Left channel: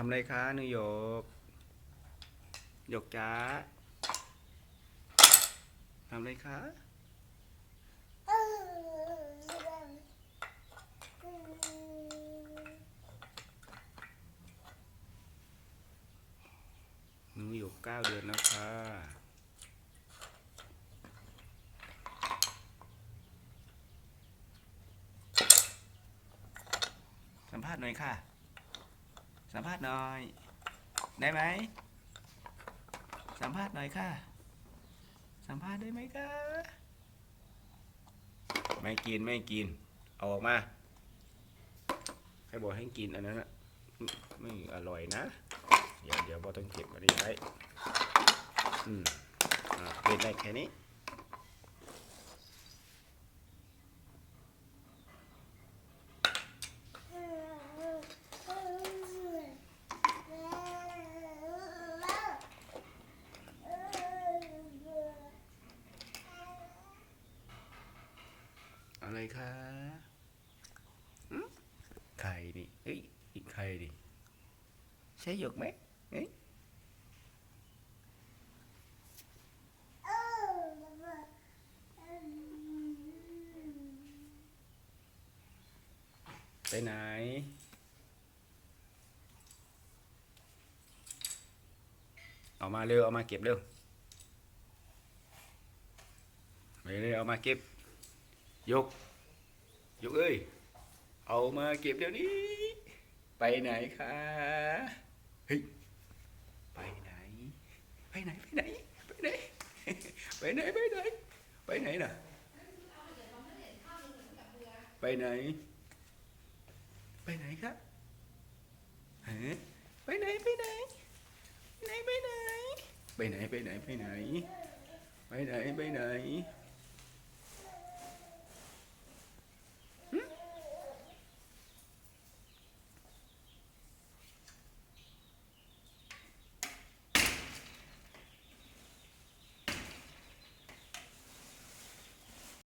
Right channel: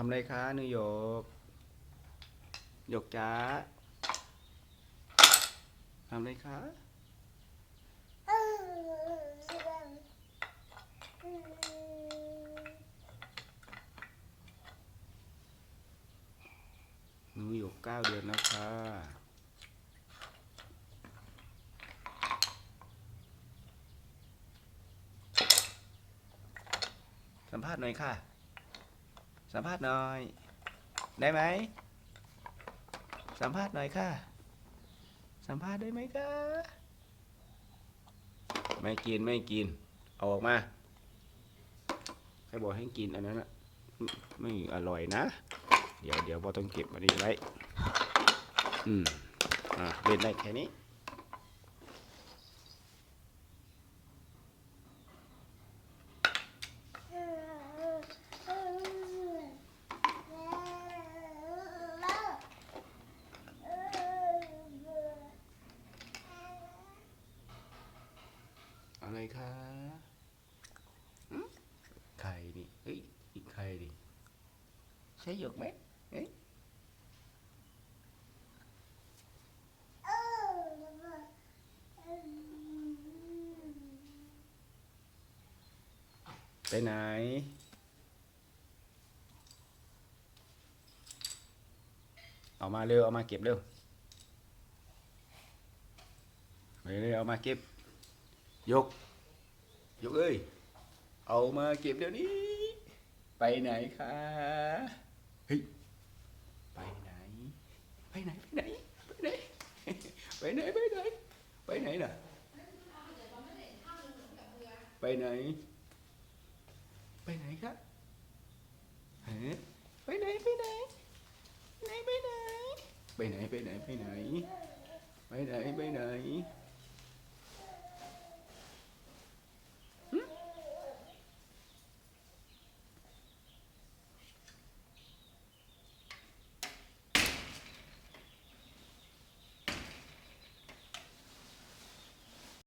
ทำอะไรคะนิวยกหยกจ้าทำอะไรคะ หนูอยู่เก้าเดือนแล้วค่ะ สัมภาษณ์หน่อยค่ะ สัมภาษณ์หน่อย ได้ไหม สัมภาษณ์หน่อยค่ะ สัมภาษณ์ได้ไหมคะไม่กินไม่กิน เอาออกมาให้บอกให้กินอันนั้นอะไม่อร่อยนะ เดี๋ยวเดี๋ยวพอต้องเก็บมาดีไว้อืมอะเล่นได้แค่นี้ อะไรคะอืมไข่ดิเฮ้ยอีกไข่ดิใช่หยกไหมเอ๊ะไปไหนเอามาเร็ว เอามาเก็บเร็วไปเลยเอามาเก็บ ยก ยกเอ้ย เอามาเก็บเดี๋ยวนี้ ไปไหนคะ เฮ้ย ไปไหน ไปไหน ไปไหน ไปไหน ไปไหน ไปไหน ไปไหนน่ะ ไปไหน ไปไหนครับฮะไปไหน ไปไหนไหนไปไหน ไปไหน ไปไหน ไปไหน ไปไหน ไปไหน